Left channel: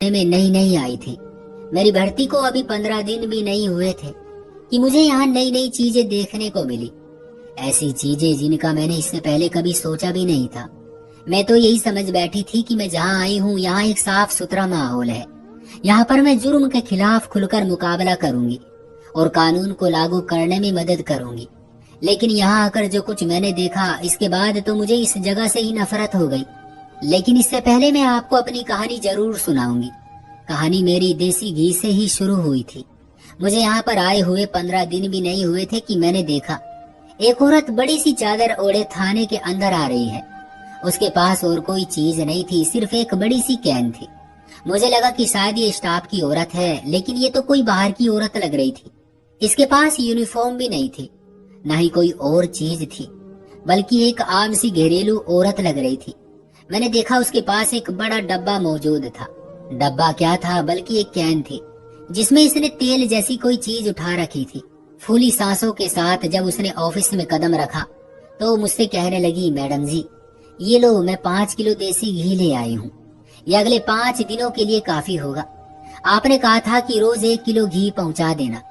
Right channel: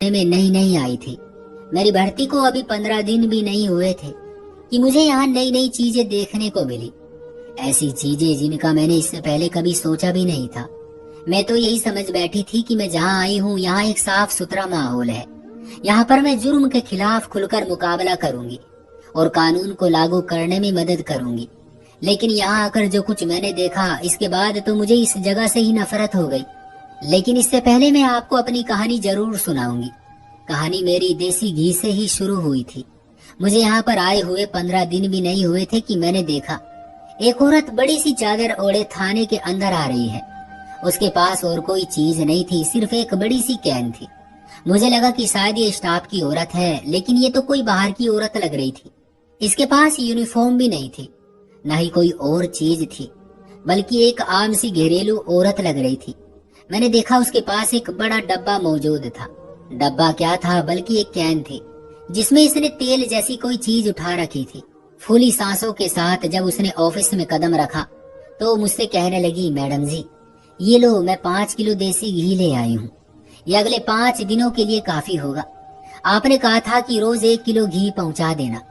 में नई नई आई थी। मेरी भर्ती को अभी 15 दिन भी नहीं हुए थे कि मुझे यहाँ नई नई चीजें देखने को मिली, ऐसी चीजें जिनका मैंने इससे पहले कभी सोचा भी नहीं था। मैं तो यही समझ बैठी थी कि मैं जहाँ आई हूँ यहाँ एक साफ सुथरा माहौल है, यहाँ पर मैं जुर्म के खिलाफ खुलकर मुकाबला करूंगी और कानून को लागू करने में मदद करूंगी। लेकिन यहाँ आकर जो कुछ मैंने देखा, इसके बाद तो मुझे इस जगह से ही नफरत हो गई। लेकिन इससे पहले मैं आपको अपनी कहानी जरूर सुनाऊंगी। कहानी मेरी देसी घी से ही शुरू हुई थी। मुझे यहाँ पर आए हुए 15 दिन भी नहीं हुए थे कि मैंने देखा एक औरत बड़ी सी चादर ओढ़े थाने के अंदर आ रही है। उसके पास और कोई चीज नहीं थी, सिर्फ एक बड़ी सी कैन थी। मुझे लगा कि शायद ये स्टाफ की औरत है, लेकिन ये तो कोई बाहर की औरत लग रही थी। इसके पास यूनिफॉर्म भी नहीं थी, न ही कोई और चीज थी, बल्कि एक आम सी घरेलू औरत लग रही थी। मैंने देखा उसके पास एक बड़ा डब्बा मौजूद था। डब्बा क्या था, बल्कि एक कैन थी जिसमें इसने तेल जैसी कोई चीज उठा रखी थी। फूली सांसों के साथ जब उसने ऑफिस में कदम रखा तो मुझसे कहने लगी, मैडम जी ये लो, मैं 5 किलो देसी घी ले आई हूँ। ये अगले 5 दिनों के लिए काफी होगा। आपने कहा था कि रोज 1 किलो घी पहुंचा देना,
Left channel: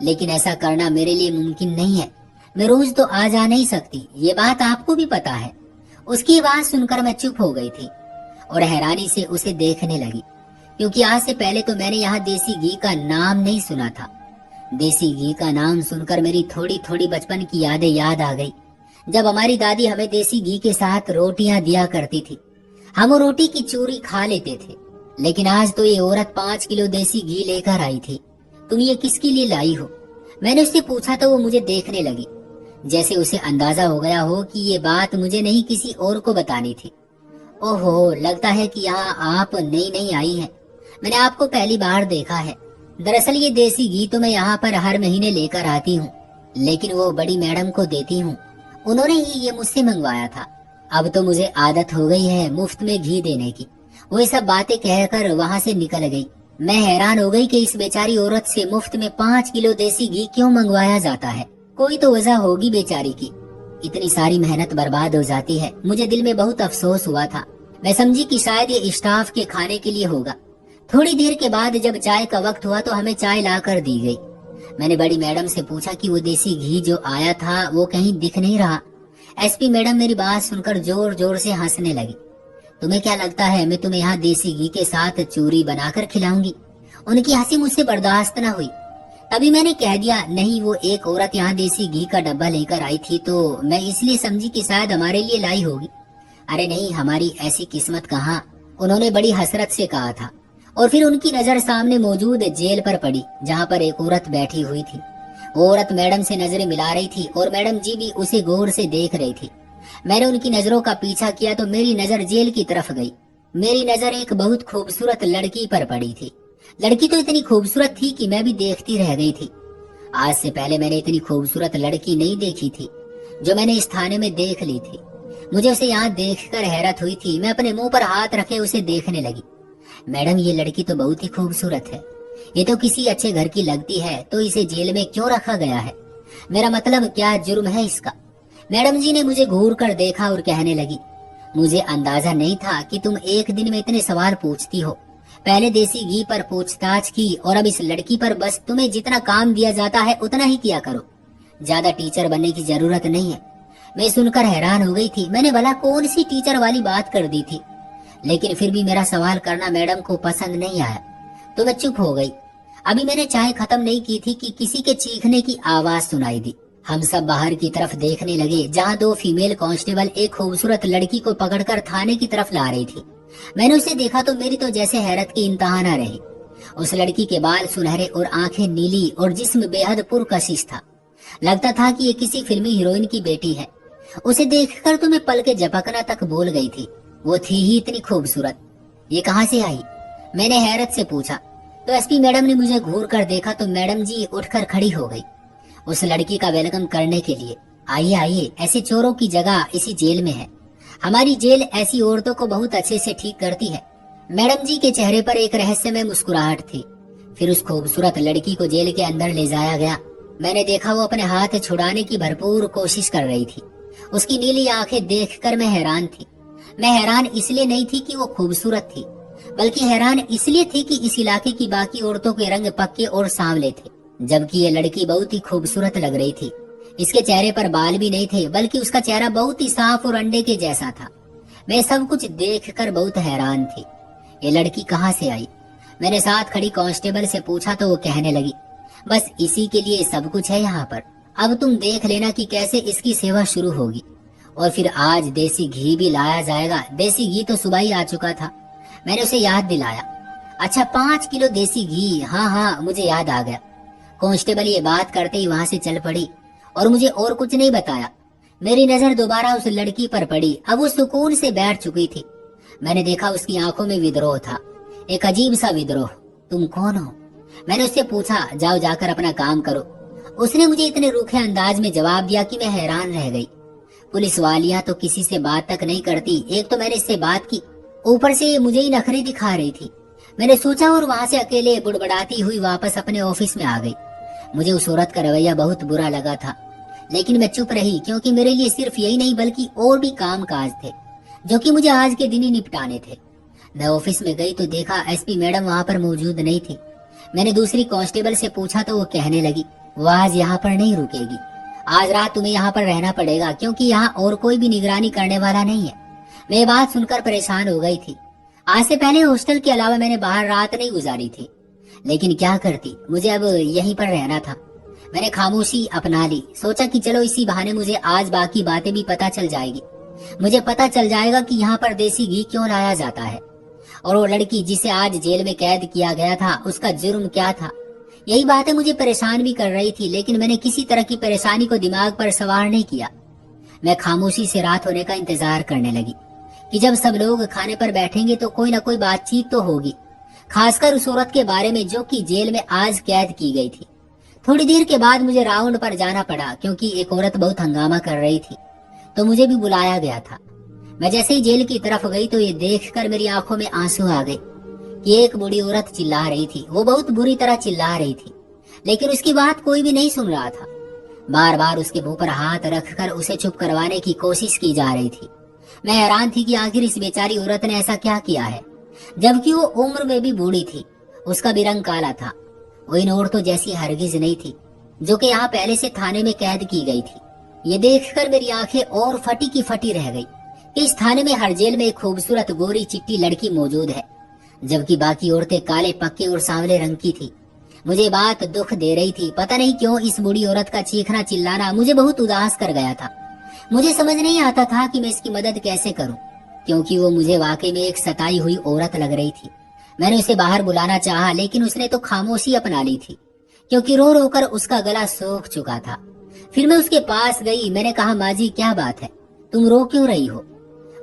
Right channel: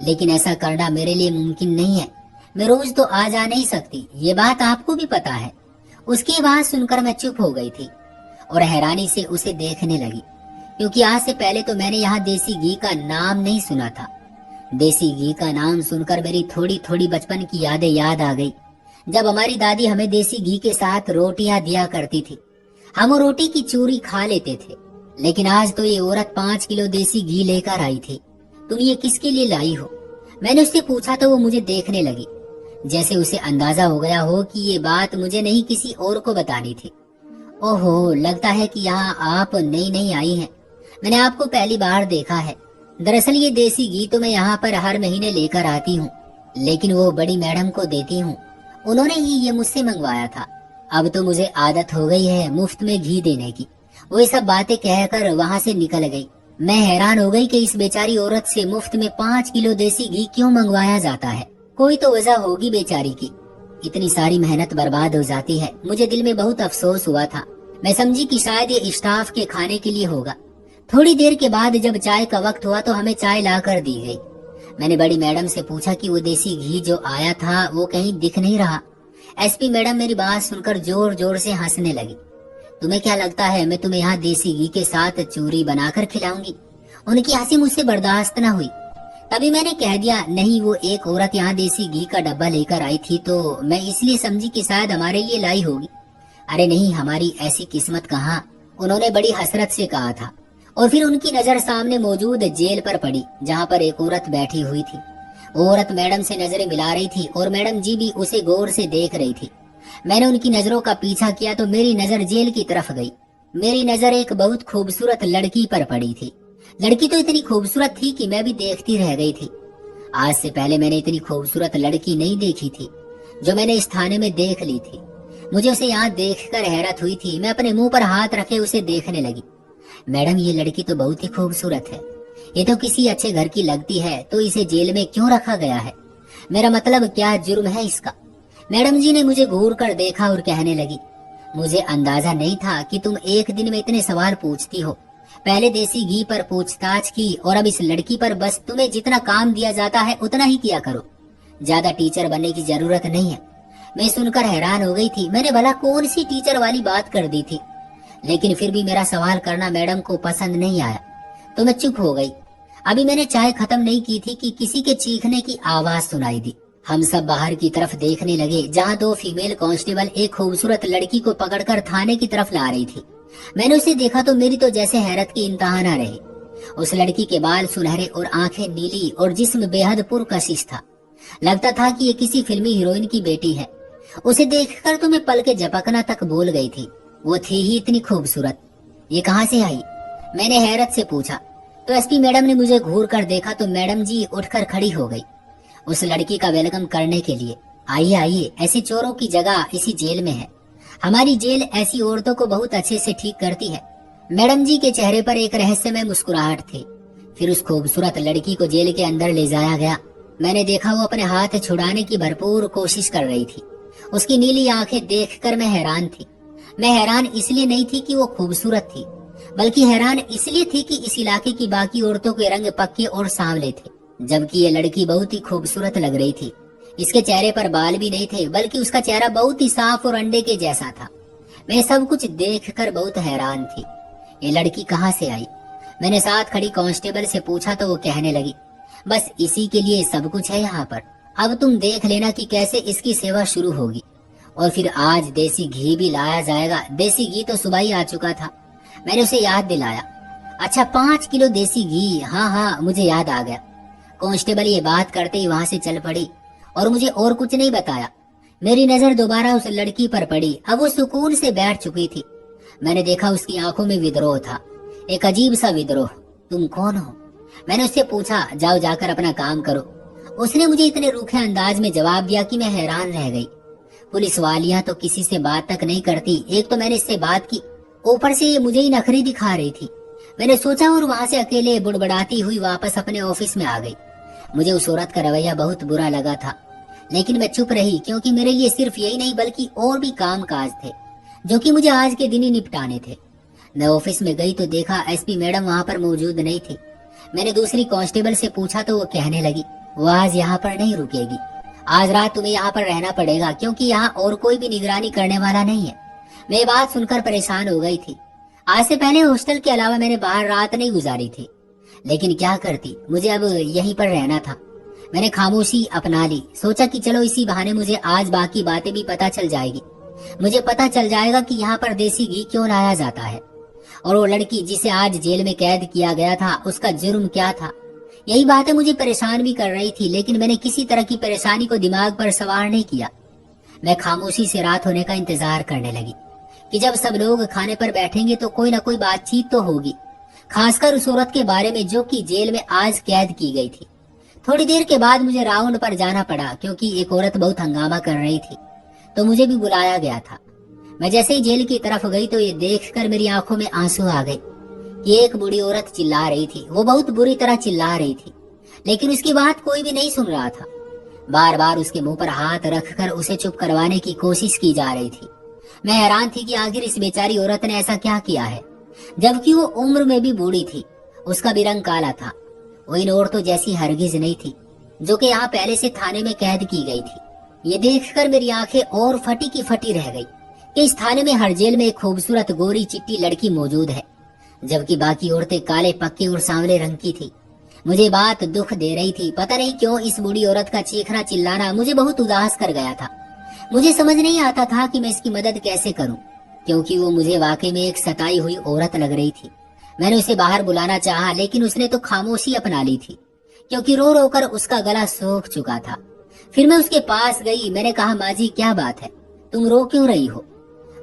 लेकिन ऐसा करना मेरे लिए मुमकिन नहीं है। मैं रोज तो आ जा नहीं सकती, ये बात आपको भी पता है। उसकी बात सुनकर मैं चुप हो गई थी और हैरानी से उसे देखने लगी, क्योंकि आज से पहले तो मैंने यहाँ देसी घी का नाम नहीं सुना था। देसी घी का नाम सुनकर मेरी थोड़ी थोड़ी बचपन की यादें याद आ गई, जब हमारी दादी हमें देसी घी के साथ रोटियां दिया करती थी। हम वो रोटी की चूरी खा लेते थे। लेकिन आज तो ये औरत 5 किलो देसी घी लेकर आई थी। तुम ये किसके लिए लाई हो? मैंने उससे पूछा तो वो मुझे देखने लगी, जैसे उसे अंदाजा हो गया हो कि ये बात मुझे नहीं किसी और को बतानी थी। ओहो, लगता है कि यहाँ आप नई नई आई हैं। मैंने आपको पहली बार देखा है। दरअसल ये देसी घी तो मैं यहाँ पर हर महीने लेकर आती हूँ, लेकिन वो बड़ी मैडम को देती हूँ। उन्होंने ही ये मुझसे मंगवाया था। अब तो मुझे आदत हो गई है मुफ्त में घी देने की। वो ये सब बातें कहकर वहाँ से निकल गई। मैं हैरान हो गई कि इस बेचारी औरत से मुफ्त में 5 किलो देसी घी क्यों मंगवाया जाता है। कोई तो वजह होगी बेचारी की। इतनी सारी मेहनत बर्बाद हो जाती है। मुझे दिल में बहुत अफसोस हुआ था। मैं समझी कि शायद ये स्टाफ के खाने के लिए होगा। थोड़ी देर के बाद जब चाय का वक्त हुआ तो हमें चाय ला कर दी गई। मैंने बड़ी मैडम से पूछा कि वो देसी घी जो आया था वो कहीं दिख नहीं रहा। एसपी मैडम मेरी बात सुनकर जोर जोर से हंसने लगी। तुम्हें क्या लगता है मैं तुम्हें यहाँ देसी घी के साथ चूरी बनाकर खिलाऊंगी? उनकी हंसी मुझसे बर्दाश्त न हुई। तभी मैंने कह दिया, नहीं, वो एक औरत यहाँ देसी घी का डब्बा लेकर आई थी तो मैं इसलिए समझी कि शायद हमारे लिए लाई होगी। अरे नहीं, हमारी ऐसी किस्मत कहाँ, उन्होंने बड़ी हसरत से कहा था। और फिर उनकी नजर सामने मौजूद जेल पर पड़ी, जहाँ पर एक औरत बैठी हुई थी। औरत मैडम से नजरें मिला रही थी और मैडम जी भी उसे गौर से देख रही थी। मैंने उनकी नजरों का पीछा किया तो मेरी नजर जेल की तरफ गई। मेरी नजर एक बहुत खूबसूरत लड़की पर पड़ी थी। लड़की तो इतनी खूबसूरत थी कि मैं भी देखती रह गई थी। आज से पहले मैंने इतनी खूबसूरत लड़की नहीं देखी थी जो मैंने इस थाने में देख ली थी। मुझे उसे यहाँ देखकर हैरत हुई थी। मैं अपने मुंह पर हाथ रखे उसे देखने लगी। मैडम, ये लड़की तो बहुत ही खूबसूरत है। ये तो किसी अच्छे घर की लगती है, तो इसे जेल में क्यों रखा गया है? मेरा मतलब, क्या जुर्म है इसका? मैडम जी ने मुझे घूर कर देखा और कहने लगी, मुझे अंदाजा नहीं था कि तुम एक दिन में इतने सवाल पूछती हो। पहले देसी घी पर पूछताछ की और अब इस लड़की पर। बस तुम्हें जितना काम दिया जाता है उतना ही किया करो, ज्यादा टीचर बनने की जरूरत नहीं है। मैं सुनकर हैरान हो गई थी। मैंने भला कौन सी टीचर वाली बात कर दी थी? लेकिन फिर भी मेरा सवाल करना मैडम को पसंद नहीं आया तो मैं चुप हो गई। अभी मैंने चाय खत्म नहीं की थी कि किसी के चीखने की आवाज सुनाई दी। हम सब बाहर की तरफ देखने लगे, जहाँ 2 फीमेल कांस्टेबल एक खूबसूरत लड़की को पकड़कर थाने की तरफ ला रही थी। मैंने उसे देखा तो मेरी तो जैसे हैरत की इंतहा न रही। उस लड़की के बाल सुनहरे और आंखें नीली और जिस्म बेहद पुरकशिश था। लगता था कि ये किसी फिल्मी हीरोइन की बेटी है। उसे देखकर तो मैं पल के झपकना तक भूल गई थी। वो थी ही इतनी खूबसूरत। ये कहाँ से आई? मैंने हैरत से पूछा तो एसपी मैडम ने मुझे घूर कर देखा तो मैडम जी उठकर खड़ी हो गई उस लड़की का वेलकम करने के लिए। आइए आइए, ऐसे चोरों की जगह इसी जेल में है। हमारी जेल ऐसी औरतों को बहुत अच्छे से ठीक करती है। मैडम जी के चेहरे पर एक रहस्यमय मुस्कुराहट थी। फिर उस खूबसूरत लड़की को जेल के अंदर ले जाया गया। मैंने देखा वो अपने हाथ छुड़ाने की भरपूर कोशिश कर रही थी। उसकी नीली आंखें देखकर मैं हैरान थी। मैं हैरान इसलिए नहीं थी कि वो खूबसूरत थी, बल्कि हैरान इसलिए थी कि इस इलाके की बाकी औरतों के रंग पक्के और सांवले थे, जबकि ये लड़की बहुत ही खूबसूरत लग रही थी। इसके चेहरे पर बाल भी नहीं थे, बल्कि उसका चेहरा बहुत ही साफ और अंडे के जैसा था। मैं सब कुछ देखकर बहुत हैरान थी। ये लड़की कहाँ से आई? मैंने साथ खड़ी कांस्टेबल से पूछा तो वो कहने लगी, बस इसी के लिए सब कुछ है यहाँ पर। अब तुम देख लेना कि कैसे इसकी सेवा शुरू होगी। और फिर आज देसी घी भी लाया जाएगा। देसी घी तो सुबह ही आ चुका था। मैंने उसे याद दिलाया। अच्छा, 5 किलो देसी घी? हाँ हाँ, मुझे याद आ गया। कांस्टेबल ये बात करते ही वहां से चल पड़ी और मुझे और कुछ नहीं बताया। मेरी नजर दोबारा उस लड़की पर पड़ी। अब वो सुकून से बैठ चुकी थी। मैंने देखा उसकी आंखों में विद्रोह था, एक अजीब सा विद्रोह। तुम कौन हो? मैंने उससे पूछा। जाओ, जाकर अपना काम करो। उसने मुझे इतने रूखे अंदाज में जवाब दिया कि मैं हैरान रह गई। पुलिस वालियां तो किसी से बात तक नहीं करती। एक तो मैंने इससे बात की, ऊपर से ये मुझे ही नखरे दिखा रही थी। मैंने सोचा और वहां से अकेले बुड़बड़ाती हुई वापस अपने ऑफिस में आ गई। मुझे उस औरत का रवैया बहुत बुरा लगा था, लेकिन मैं चुप रही, क्योंकि मेरे लिए सिर्फ यही नहीं बल्कि और भी काम काज थे जो कि मुझे आज के दिन ही निपटाने थे। मैं ऑफिस में गई तो देखा एसपी मैडम वहां पर मौजूद नहीं थी। मैंने दूसरी कांस्टेबल से पूछा तो वो कहने लगी, वो आज यहाँ पर नहीं रुकेगी। आज रात तुम्हें यहाँ पर रहना पड़ेगा, क्योंकि यहाँ और कोई भी निगरानी करने वाला नहीं है। मैं ये बात सुनकर परेशान हो गई थी। आज से पहले हॉस्टल के अलावा मैंने बाहर रात नहीं गुजारी थी, लेकिन क्या करती, मुझे अब यहीं पर रहना था। मैंने खामोशी अपना ली। सोचा कि चलो इसी बहाने मुझे आज बाकी बातें भी पता चल जाएगी। मुझे पता चल जाएगा कि यहाँ पर देसी घी क्यों लाया जाता है, और वो लड़की जिसे आज जेल में कैद किया गया था, उसका जुर्म क्या था। यही बातें मुझे परेशान भी कर रही थी, लेकिन मैंने किसी तरह की परेशानी को दिमाग पर सवार नहीं किया। मैं खामोशी से रात होने का इंतजार करने लगी कि जब सब लोग खाने पर बैठेंगे तो कोई ना कोई बातचीत तो होगी, खासकर उस औरत के बारे में जो कि जेल में आज कैद की गई थी। थोड़ी देर के बाद मुझे राउंड पर जाना पड़ा, क्योंकि एक औरत बहुत हंगामा कर रही थी, तो मुझे भी बुलाया गया था। मैं जैसे ही जेल की तरफ गई तो ये देखकर मेरी आंखों में आंसू आ गए कि एक बूढ़ी औरत चिल्ला रही थी। वो बहुत बुरी तरह चिल्ला रही थी, लेकिन उसकी बात कोई भी नहीं सुन रहा था। बार बार उसके मुंह पर हाथ रखकर उसे चुप करवाने की कोशिश की जा रही थी। मैं हैरान थी कि आखिर इस बेचारी औरत ने ऐसा क्या किया है, जबकि वो उम्र में भी बूढ़ी थी। उसका भी रंग काला था। वो इन औरतों जैसी हरगिज नहीं थी जो कि यहाँ पहले से थाने में कैद की गई थी। ये देखकर मेरी आंखें और फटी की फटी रह गई कि इस थाने में हर जेल में एक खूबसूरत गोरी चिट्टी लड़की मौजूद है, जबकि बाकी औरतें काले पक्के और सांवले रंग की थी। मुझे बात दुख दे रही थी। पता नहीं क्यों इस बूढ़ी औरत का चीखना चिल्लाना मुझे बहुत उदास कर गया था। मुझे समझ नहीं आता था कि मैं इसकी मदद कैसे करूं, क्योंकि वो मुझे वाकई में एक सताई हुई औरत लग रही थी। मैंने उसे बाहर बुलाना चाहा, लेकिन उसने तो खामोशी अपना ली थी, क्योंकि रो रो कर उसका गला सूख चुका था। फिर मैं उसके पास गई। मैंने कहा, माँ जी क्या बात है, तुम रो क्यों रही हो?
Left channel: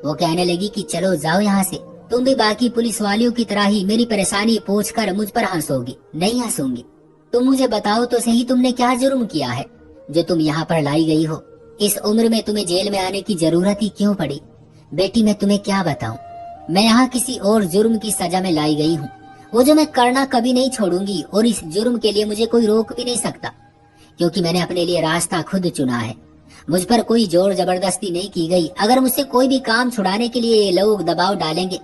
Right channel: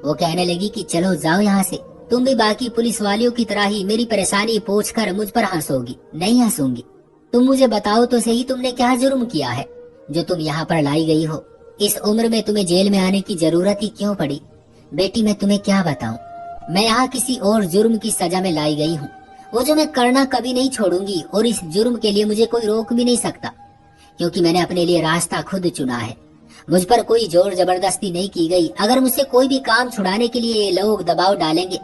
वो कहने लगी कि चलो जाओ यहाँ से, तुम भी बाकी पुलिस वालियों की तरह ही मेरी परेशानी पूछकर मुझ पर हंसोगी। नहीं हंसूंगी। तुम मुझे बताओ तो सही, तुमने क्या जुर्म किया है जो तुम यहाँ पर लाई गई हो? इस उम्र में तुम्हें जेल में आने की जरूरत ही क्यों पड़ी? बेटी मैं तुम्हें क्या बताऊं, मैं यहाँ किसी और जुर्म की सजा में लाई गई हूँ, वो जो मैं करना कभी नहीं छोड़ूंगी, और इस जुर्म के लिए मुझे कोई रोक भी नहीं सकता, क्योंकि मैंने अपने लिए रास्ता खुद चुना है। मुझ पर कोई जोर जबरदस्ती नहीं की गई। अगर मुझसे कोई भी काम छुड़ाने के लिए लोग दबाव डालेंगे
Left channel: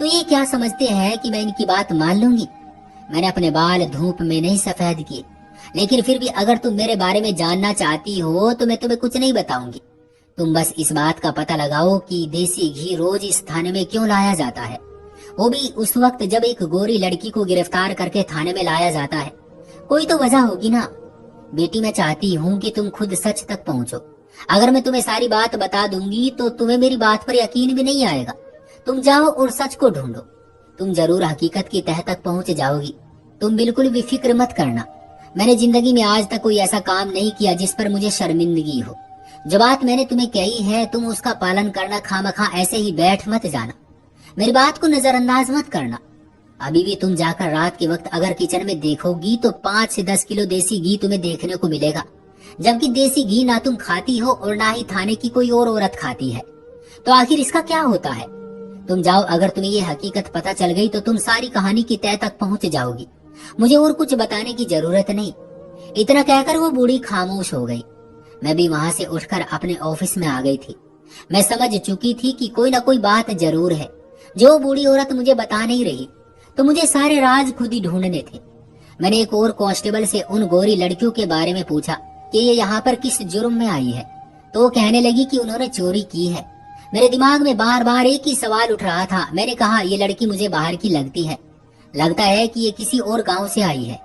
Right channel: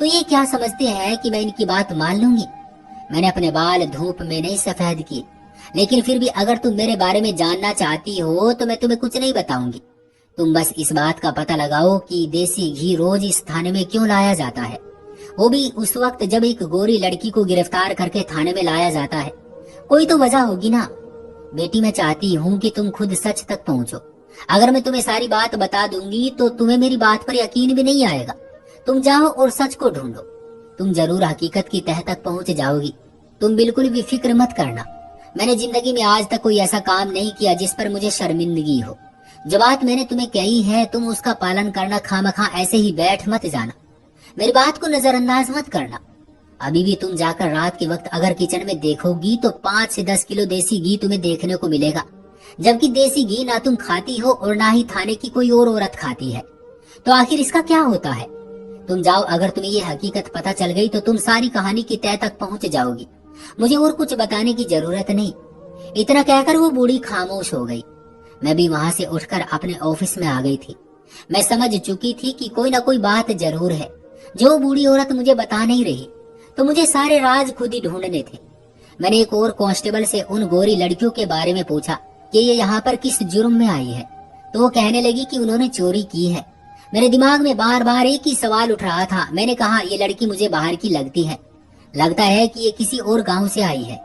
तो ये क्या समझते हैं कि मैं इनकी बात मान लूंगी? मैंने अपने बाल धूप में नहीं सफेद किए, लेकिन फिर भी अगर तुम मेरे बारे में जानना चाहती हो तो मैं तुम्हें कुछ नहीं बताऊंगी। तुम बस इस बात का पता लगाओ कि देसी घी रोज इस थाने में क्यों लाया जाता है, वो भी उस वक्त जब एक गोरी लड़की को गिरफ्तार करके थाने में लाया जाता है। कोई तो वजह होगी ना। बेटी मैं चाहती हूँ कि तुम खुद सच तक पहुँचो। अगर मैं तुम्हें सारी बात बता दूंगी तो तुम्हें मेरी बात पर यकीन भी नहीं आएगा। तुम जाओ और सच को ढूंढो, तुम जरूर हकीकत की तह तक पहुंच जाओगी। तुम बिल्कुल भी फिक्र मत करना। मैंने जिंदगी में आज तक कोई ऐसा काम नहीं किया जिस पर मुझे शर्मिंदगी हो। जो बात मैंने तुम्हें कही है तुम उसका पालन करना, खामखा ऐसे ही बैठ मत जाना। मेरी बात को नजरअंदाज मत करना। अभी भी तुम जाकर रात के वक्त अगर किचन में देखोगी तो 5 से 10 किलो देसी घी तुम्हें देखने को मिलेगा, जबकि देसी घी ना तुम खाती हो और ना ही थाने की कोई और औरत खाती है। तो आखिर इसका क्या होता है? तुम जाओ, अगर तुम्हें ये हकीकत पता चल गई तो तुम सारी कहानी की तह तक पहुंच जाओगी। मुझे और कुछ बताने की जरूरत नहीं। इतना कहकर वो बूढ़ी खामोश हो गई। मैं भी वहां से उठकर अपने ऑफिस में आ गई थी। मैं समझ चुकी थी कि कोई ना कोई बात जरूर है जो बूढ़ी औरत मुझे बता नहीं रही तो मुझे सारे राज खुद ही ढूंढने थे। मैंने एक और कांस्टेबल से उन गोरी लड़कियों के बारे में पूछा कि ये यहाँ पर किस जुर्म में आई है, तो वो कहने लगी कि उन्होंने चोरी की है। मेरे दिमाग में बार बार एक ही सवाल उठ रहा था। मैंने कहा, ये लड़की मुझे बाहर की लगती है, लगता है कि ये किसी और गांव से आई है।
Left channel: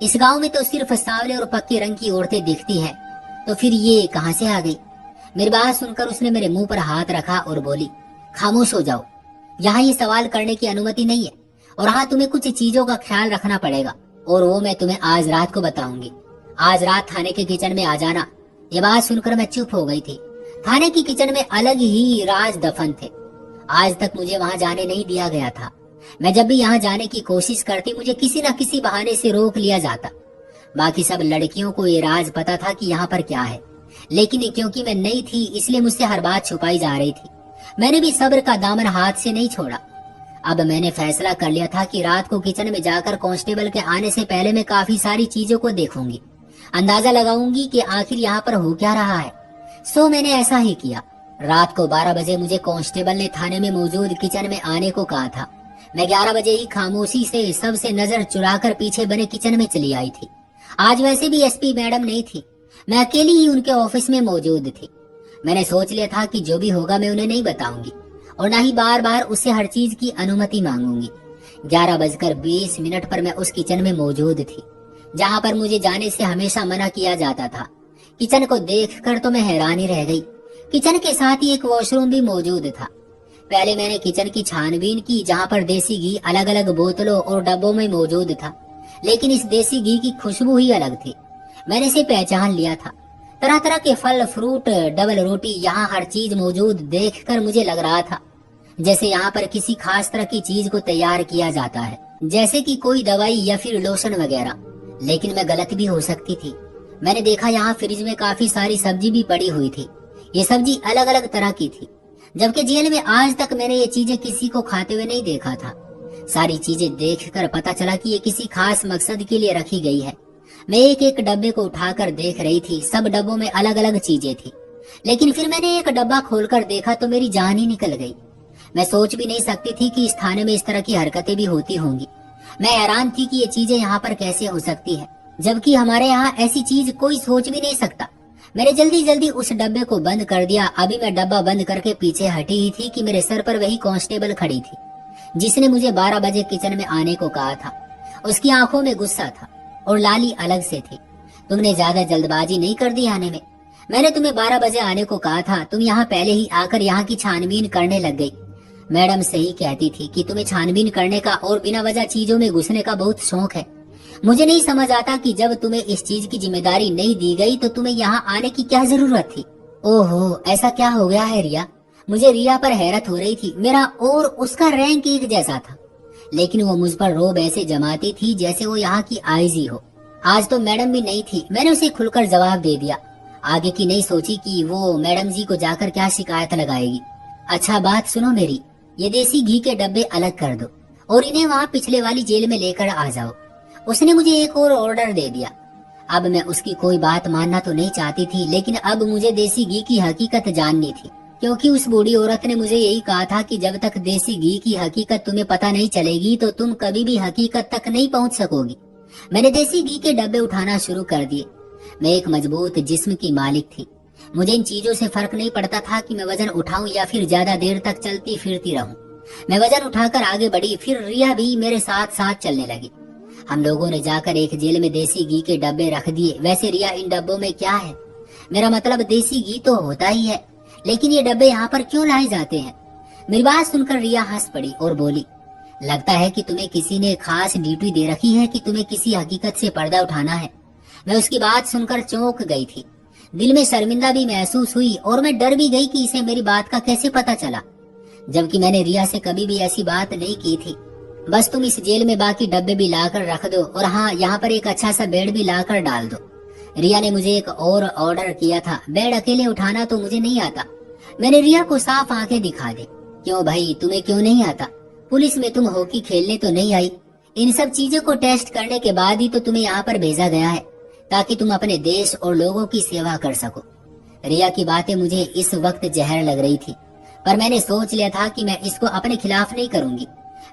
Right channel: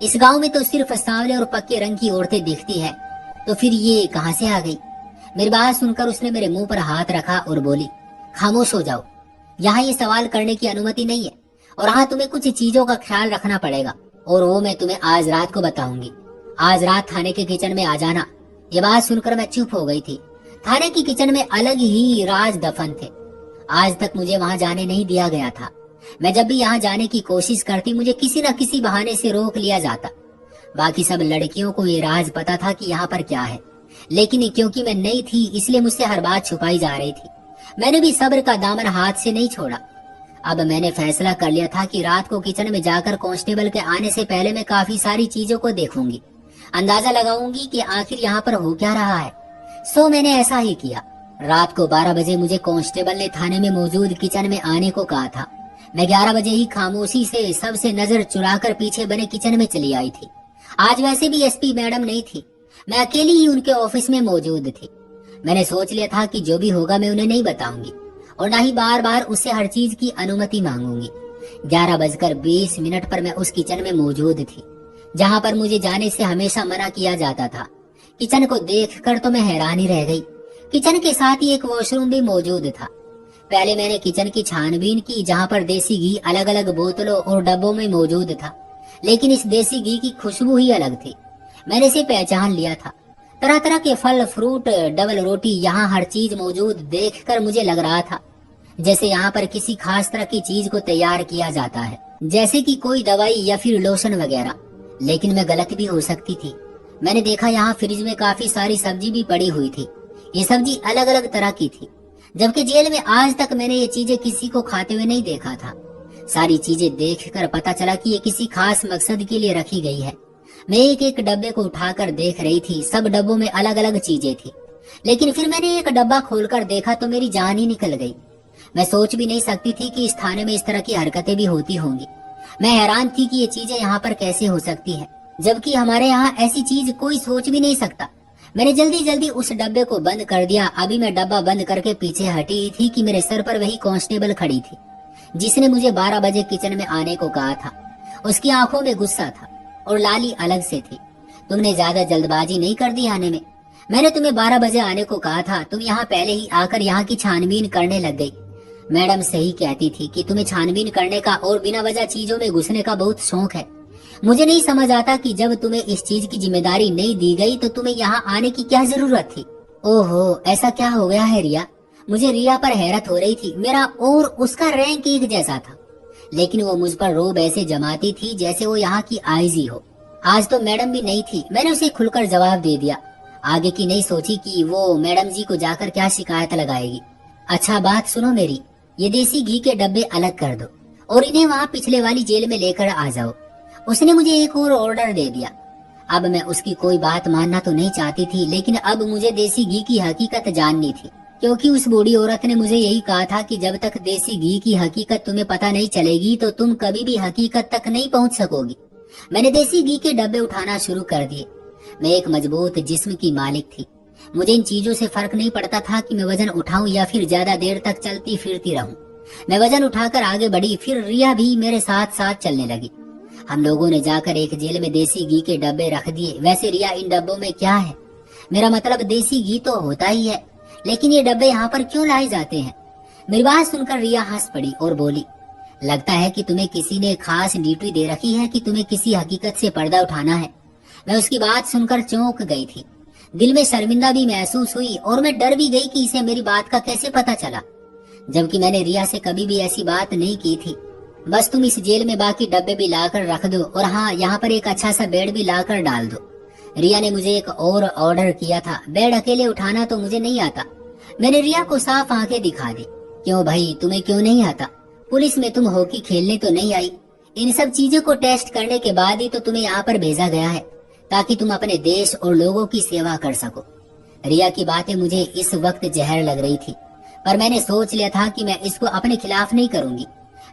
इस गांव में तो सिर्फ सांवले और पक्के रंग की औरतें दिखती है, तो फिर ये कहाँ से आ गई? मेरी बात सुनकर उसने मेरे मुंह पर हाथ रखा और बोली, खामोश हो जाओ, यहाँ ये सवाल करने की अनुमति नहीं है। और हाँ, तुम्हें कुछ चीजों का ख्याल रखना पड़ेगा, और वो मैं तुम्हें आज रात को बताऊंगी। आज रात थाने के किचन में आ जाना। ये बात सुनकर मैं चुप हो गई थी। थाने की किचन में अलग ही राज दफन थे। आज तक मुझे वहां जाने नहीं दिया गया था। मैं जब भी यहाँ जाने की कोशिश करती, मुझे किसी न किसी बहाने से रोक लिया जाता। बाकी सब लड़कियों को ये राज पता था कि यहाँ पर क्या है, लेकिन क्योंकि मैं नई थी इसलिए मुझसे हर बात छुपाई जा रही थी। मैंने भी सब्र का दामन हाथ से नहीं छोड़ा। अब मैंने फैसला कर लिया था कि रात को किचन में जाकर कांस्टेबल के आने से पहले मैं काफी सारी चीजों को देखूंगी, अंदाजा लगाऊंगी कि आखिर यहाँ पर हो क्या रहा है। सो मैंने ऐसा ही किया। रात को 12 बजे मुझे कांस्टेबल ने थाने में मौजूद किचन में आने को कहा था। मैं 11 बजे ही खामोशी से सबसे नजर चुराकर पीछे बने किचन में चली आई थी। आज वैसे भी एसपी मैडम नहीं थी, मैं अकेली ही उनके ऑफिस में मौजूद थी। मैंने सोच लिया था कि जो भी होगा मैं उन्हें नहीं बताऊंगी और ना ही बार बार उससे हर चीज की अनुमति मांगूंगी। 11:20 पर मैं उस किचन में मौजूद थी जहाँ पर मुझे जाने से हमेशा मना किया जाता था। किचन को देखकर तो मैं हैरान ही रह गई। किचन के साथ ही एक वॉशरूम भी मौजूद था। पहले मैंने किचन की छानबीन की, जहाँ पर देसी घी अलग अलग बोतलों और डब्बों में मौजूद था, लेकिन इस देसी घी की खुशबू ही अलग थी। मैंने इसे पहचान लिया था। तरह तरह के फल, फ्रूट, डबल रोटी, यहाँ हर चीज मौजूद देखकर मुझे लग रहा था जैसे यहाँ पर किसी खास तरह की चीज को तैयार किया जाता है, जैसे कि कोई दवाई या फिर लोशन वगैरह। लेकिन मैं गलत भी हो सकती थी। मैंने देखा यहाँ फ्रिज में काफी सारी सब्जी भी पड़ी हुई थी। ये सब्जी अलग अलग तरह की थी, जबकि जेल में आज तक मैंने ये चीजें किसी को खाते हुए नहीं देखा था। सारी चीजें देखकर पता चला कि ये किसी खास मकसद के लिए रखी गई है। मैं एक एक डब्बे को उठाकर देख रही थी। सब डब्बों में अलग अलग चीजें थी, लेकिन फिर मैंने एक डब्बा खोलकर देखा तो मेरी जान ही निकल गई। मैं सोच भी नहीं सकती थी कि इस थाने में इस तरह की हरकतें भी होती होंगी। मैं हैरान थी कि ये चीजें यहाँ पर कैसे हो सकती हैं, जबकि हमारे यहाँ ऐसी चीज कोई सोच भी नहीं सकता। मैंने जल्दी जल्दी उस डब्बे को बंद कर दिया। अभी मैं डब्बा बंद करके पीछे हटी ही थी कि मेरे सर पर वही कांस्टेबल खड़ी थी जिसने मुझे 12 बजे किचन में आने को कहा था। उसकी आंखों में गुस्सा था और लाली अलग से थी। तुमने ज्यादा जल्दबाजी नहीं कर दी आने में? मैंने तुम्हें 12 बजे आने को कहा था, तुम यहाँ पहले ही आकर यहाँ की छानबीन करने लग गई। मैडम सही कहती थी कि तुम्हें छानबीन करने का और बिना वजह चीजों में घुसने का बहुत शौक है। मुझे नहीं समझ आता कि जब तुम्हें इस चीज की जिम्मेदारी नहीं दी गई तो तुम्हें यहाँ आने की क्या जरूरत थी। ओहो, ऐसा क्या हो गया है रिया? मुझे रिया पर हैरत हो रही थी। मेरा और उसका रैंक एक जैसा था, लेकिन वो मुझ पर रोब ऐसे जमाती थी जैसे वो यहाँ की आईजी हो। आज तो मैडम भी नहीं थी। मैंने उसे खुलकर जवाब दे दिया। आगे की नहीं सोची कि वो मैडम जी को जाकर क्या शिकायत लगाएगी। अच्छा बात सुनो मेरी, ये देसी घी के डब्बे अलग कर दो और इन्हें वहाँ पिछले वाली जेल में लेकर आ जाओ। उसने मुझे एक और ऑर्डर दे दिया। अब मैं उसकी कोई बात मानना तो नहीं चाहती थी, लेकिन अब मुझे देसी घी की हकीकत जाननी थी, क्योंकि उस बूढ़ी औरत ने मुझे यही कहा था कि जब तक देसी घी की हकीकत तुम्हें पता नहीं चलेगी तो तुम कभी भी हकीकत तक नहीं पहुंच सकोगी। मैंने देसी घी के डब्बे उठाना शुरू कर दिए। मैं एक मजबूत जिस्म की मालिक थी। मुझे इन चीजों से फर्क नहीं पड़ता था कि मैं वजन उठाऊं या फिर ज्यादा देर तक चलती फिरती रहूं। मैं वजन उठाकर आगे बढ़ी। फिर रिया भी मेरे साथ साथ चलने लगी। हम लोगों ने जाकर एक जेल में देसी घी के डब्बे रख दिए। वैसे रिया, इन डब्बों में क्या है? मेरा मतलब देसी घी तो होता ही है, लेकिन ये डब्बे यहाँ पर क्यों लाए जाते हैं? मेरी बात सुनकर रिया हंस पड़ी और बोली, लगता है कि तुम्हें किसी ने खास ड्यूटी दे रखी है कि तुम्हें किसी हकीकत से पर्दा उठाना है। मैं उसकी बात सुनकर चौंक गई थी। दिल में शर्मिंदा भी महसूस हुई और मैं डर भी गई कि इसे मेरी बात का कैसे पता चला, जबकि मैंने रिया से कभी भी ऐसी बात नहीं की थी। बस तुम इस जेल में बाकी डब्बे भी लाकर रख दो और हाँ, यहाँ पर एक अच्छा सा बेड भी लाकर डाल दो। रिया ने मुझे एक और ऑर्डर किया था। बेड अकेले उठाना तो मुझे नहीं आता। मैंने रिया को साफ आंखें दिखा दी। क्यों भाई, तुम्हें क्यों नहीं आता? पुलिस में तुम हॉकी खेलने तो नहीं आई। इन सब चीजों को टेस्ट करने के बाद ही तो तुम्हें यहाँ पर भेजा गया है, ताकि तुम अपने देश और लोगों की सेवा कर सको। रिया की बातें मुझे इस वक्त जहर लग रही थी, पर मैंने सोच लिया था कि मैं इसको अपने खिलाफ नहीं करूंगी।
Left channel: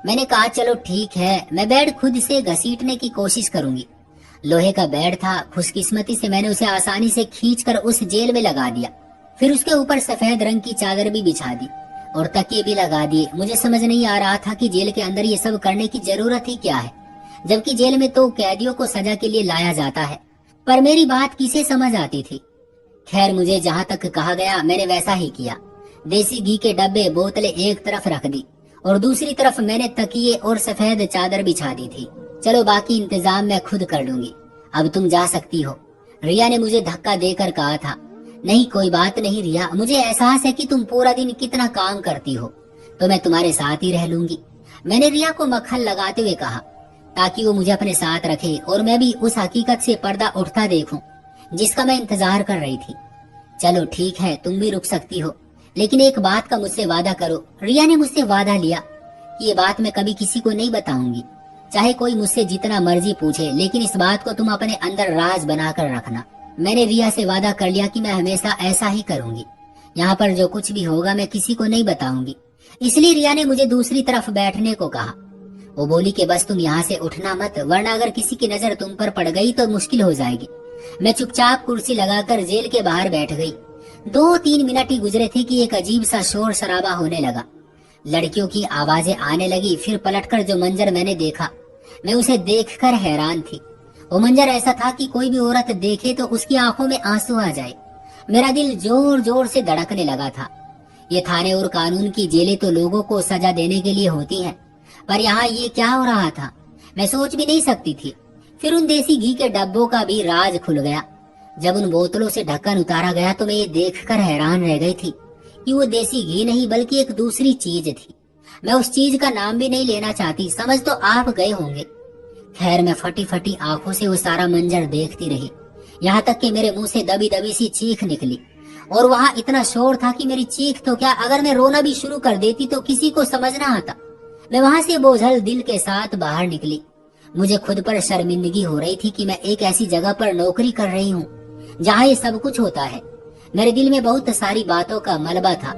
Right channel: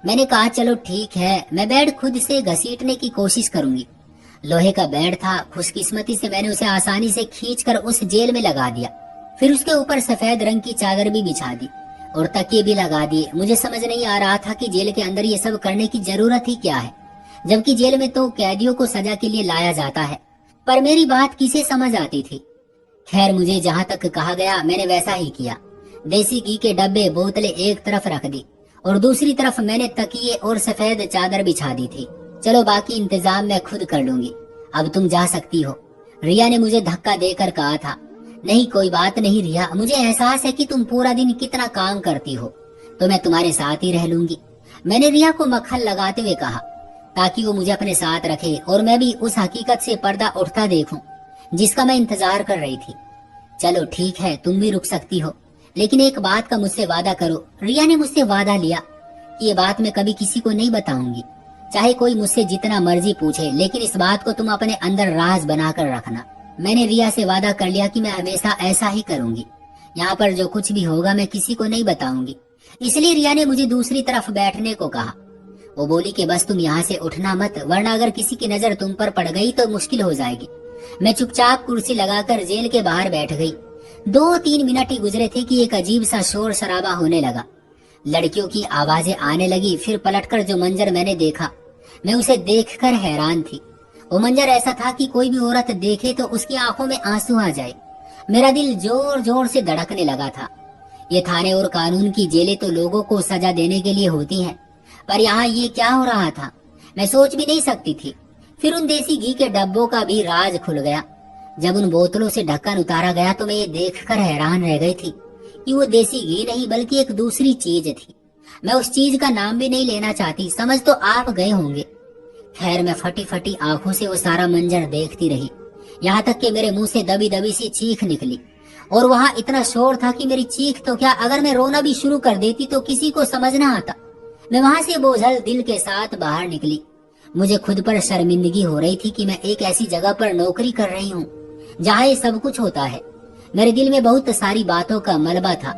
मैंने कहा चलो ठीक है, मैं बेड खुद से घसीटने की कोशिश करूंगी। लोहे का बेड था, खुशकिस्मती से मैंने उसे आसानी से खींचकर उस जेल में लगा दिया। फिर उसके ऊपर सफेद रंग की चादर भी बिछा दी और तकिए भी लगा दिए। मुझे समझ नहीं आ रहा था कि जेल के अंदर ये सब करने की जरूरत ही क्या है, जबकि जेल में तो कैदियों को सजा के लिए लाया जाता है। पर मेरी बात किसे समझ आती थी। खैर, मुझे जहाँ तक कहा गया मैंने वैसा ही किया। देसी घी के डब्बे बोतलें एक तरफ रख दी और दूसरी तरफ मैंने तकिए और सफेद चादर बिछा दी थी। चलो बाकी इंतजाम मैं खुद कर लूंगी, अब तुम जा सकती हो, रिया ने मुझे धक्का देकर कहा था। नहीं, कोई बात नहीं रिया, मुझे एहसास है कि तुम पूरा दिन कितना काम करती हो, तो मैं तुम्हारे साथ ही रह लूंगी, मैंने रिया को मक्खन लगाते हुए कहा, ताकि वो मुझे अपने साथ रखे और मैं भी उस हकीकत से पर्दा उठता देखूं जिसका मैं इंतजार कर रही थी। चलो ठीक है, तुम भी रुक सकती हो, लेकिन एक बात का मुझसे वादा करो। रिया ने मुझसे वादा लिया कि ये बात मैं कभी किसी को नहीं बताऊंगी, चाहे कोई मुझसे जितना मर्जी पूछे, लेकिन इस बात को तुम अपने अंदर राज बनाकर रखना। मैंने रिया से वादा कर लिया कि मैं हमेशा ऐसा ही करूंगी। यहाँ पर जो कुछ भी होगा मैं किसी को नहीं बताऊंगी। इसलिए रिया ने मुझे दूसरी तरफ बैठने को कहा। वो बोली कि बस तुम यहाँ से उठना मत, वरना अगर किसी की नजर तुम पर पड़ गई तो मुश्किल हो जाएगी। मैं चुपचाप कुर्सी लगाकर जेल के बाहर बैठ गई। 2-3 मिनट ही गुजरे थे कि एक अजीब सा शोर शराबा होने लगा। लड़कियों की आवाजें आने लगी। फिर पलटकर जो मंजर मैंने देखा, मैं उसे देखकर हैरान थी। वो मंजर ऐसा था कि कोई भी औरत देखे तो उसकी आंखों में आंसू आ जाए। मेरा दिल जोर जोर से धड़कने लगा था। ये थाने और कानून की जेलें तो लोगों को सजा देने के लिए होती हैं, पर यहाँ ये क्या हो रहा था, मैं सोच भी नहीं सकती थी। फिर उन देसी घी के डब्बों का भी राज खुल गया। जब उन बोतलों से ढक्कन उतारा गया तो मैं ये देखकर हैरान रह गई थी कि वो देसी घी नहीं बल्कि एक दूसरी चीज थी। मैं उस चीज का नाम भी नहीं लेना चाहती, समझ तो आप गए होंगे। खैर, मैं फटी फटी आंखों से वो सारा मंजर देखती रही, यहाँ तक कि मेरे मुंह से दबी दबी सी चीख निकली। और वहाँ इतना शोर था कि मेरी चीख तो क्या, अगर मैं रोना भी शुरू कर देती तो किसी को समझ ना आता। मैं वहाँ से बोझल दिल के साथ बाहर निकली। मुझे खुद पर शर्मिंदगी हो रही थी कि मैं एक ऐसी जगह पर नौकरी कर रही हूँ जहाँ ये सब कुछ होता है। मेरे दिल में बहुत सारी बातों का मलबा था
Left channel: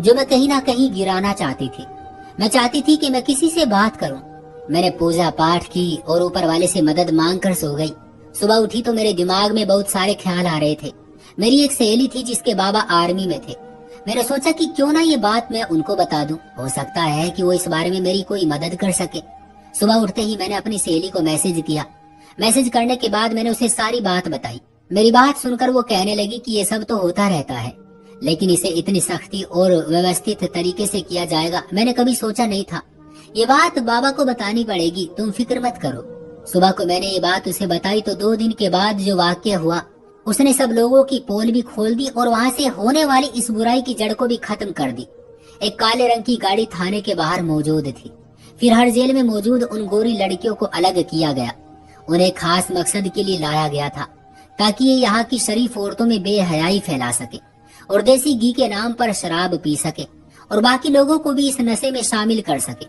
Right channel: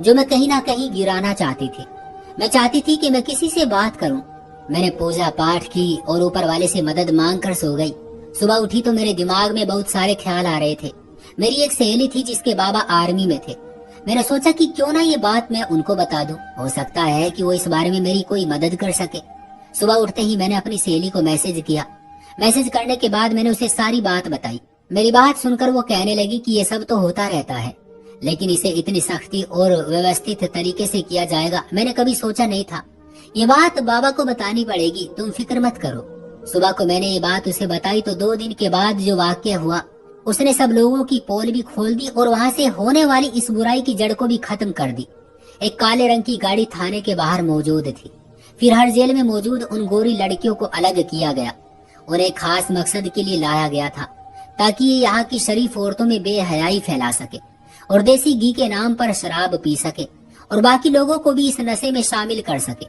जो मैं कहीं ना कहीं गिराना चाहती थी। मैं चाहती थी कि मैं किसी से बात करूं। मैंने पूजा पाठ की और ऊपर वाले से मदद मांगकर सो गई। सुबह उठी तो मेरे दिमाग में बहुत सारे ख्याल आ रहे थे। मेरी एक सहेली थी जिसके बाबा आर्मी में थे। मैंने सोचा कि क्यों ना ये बात मैं उनको बता दूं, हो सकता है कि वो इस बारे में मेरी कोई मदद कर सके। सुबह उठते ही मैंने अपनी सहेली को मैसेज किया। मैसेज करने के बाद मैंने उसे सारी बात बताई। मेरी बात सुनकर वो कहने लगी कि ये सब तो होता रहता है, लेकिन इसे इतनी सख्ती और व्यवस्थित तरीके से किया जाएगा मैंने कभी सोचा नहीं था। ये बात बाबा को बतानी पड़ेगी, तुम फिक्र मत करो। सुबह को मैंने ये बात उसे बताई तो 2 दिन के बाद जो वाकया हुआ, उसने सब लोगों की पोल भी खोल दी और वहाँ से होने वाली इस बुराई की जड़ को भी खत्म कर दी। एक काले रंग की गाड़ी थाने के बाहर मौजूद थी। फिर हर जेल में मौजूद उन गोरी लड़कियों को अलग किया गया। उन्हें खास मकसद के लिए लाया गया था, ताकि ये यहाँ की शरीफ औरतों में बेहयाई फैला सके और देसी घी के नाम पर शराब पी सके और बाकी लोगों को भी इस नशे में शामिल कर सके।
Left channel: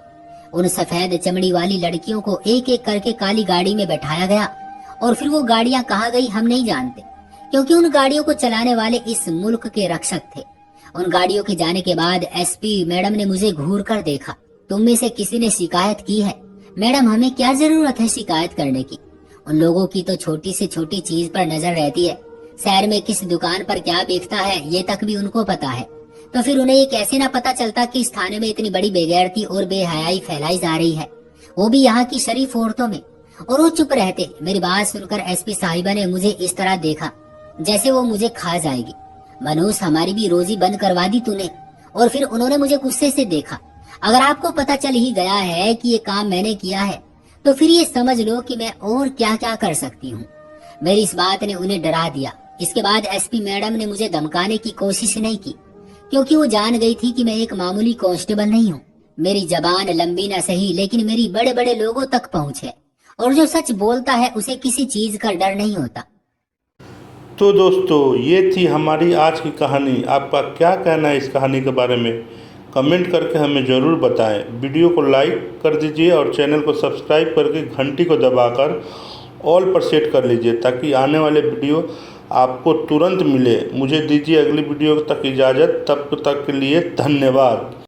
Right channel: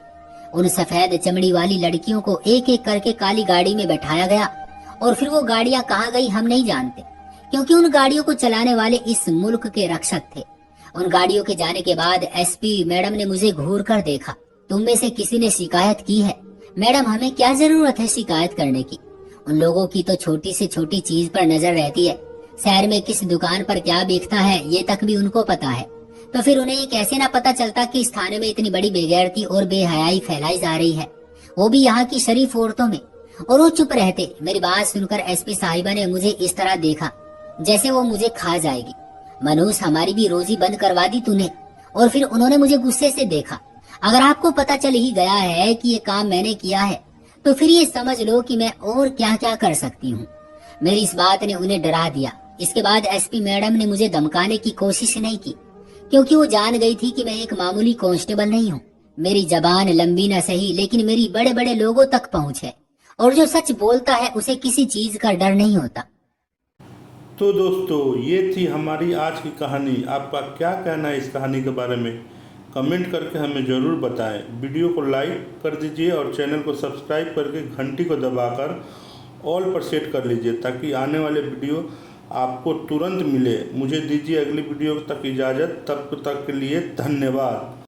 उन सफेद चमड़ी वाली लड़कियों को एक एक करके काली गाड़ी में बैठाया गया और फिर वो गाड़ियां कहाँ गई हम नहीं जानते, क्योंकि उन गाड़ियों को चलाने वाले इस मुल्क के रक्षक थे। उन गाड़ियों के जाने के बाद एसपी मैडम ने मुझे घूर कर देखा। तुम में से किसी ने शिकायत की है? मैडम, हमें क्या जरूरत है शिकायत करने की? उन लोगों की तो छोटी से छोटी चीज पर नजर रहती है। शहर में किस दुकान पर क्या बिकता है ये तक भी उनको पता है। तो फिर उन्हें ये कैसे ना पता चलता कि इस थाने में इतनी बड़ी बेगैरती और बेहयाई फैलाई जा रही है, वो भी यहाँ की शरीफ औरतों में। और वो चुप रहते। मेरी बात सुनकर एसपी साहिबा ने मुझे इस तरह देखा जैसे वो मुझे खा जाएगी। मनोज, हमारी भी रोजी बंद करवा दी तूने। और फिर उन्होंने मुझे गुस्से से देखा। अगर आपको पता चल ही गया है कि ये काम मैंने किया है तो फिर ये समझ लो कि मैं और क्या क्या कर सकती हूँ। मेरी इस बात ने उन्हें डरा दिया। इसके बाद एसपी मैडम ने मुझे धमकाने की कोशिश नहीं की, क्योंकि वो जान गई थी कि मैं एक मामूली कांस्टेबल नहीं हूँ। मेरी जबान लंबी न सही, लेकिन मेरी बड़े बड़े लोगों तक पहुँच है और जो सच बोलता है उसे किसी चीज का डर नहीं होता। तो दोस्तों, ये थी हमारी आज की कहानी। आपका क्या कहना है इस कहानी के बारे में? कमेंट करके हमें ज़रूर बताएं। वीडियो को लाइक कर दीजिए और चैनल को सब्सक्राइब करके घंटी को दबाकर ऑल पर सेट कर लीजिए, ताकि आने वाले वीडियो आपको तुरंत मिले। मुझे दीजिए अगली वीडियो तक इजाज़त, तब तक के लिए धन्यवाद।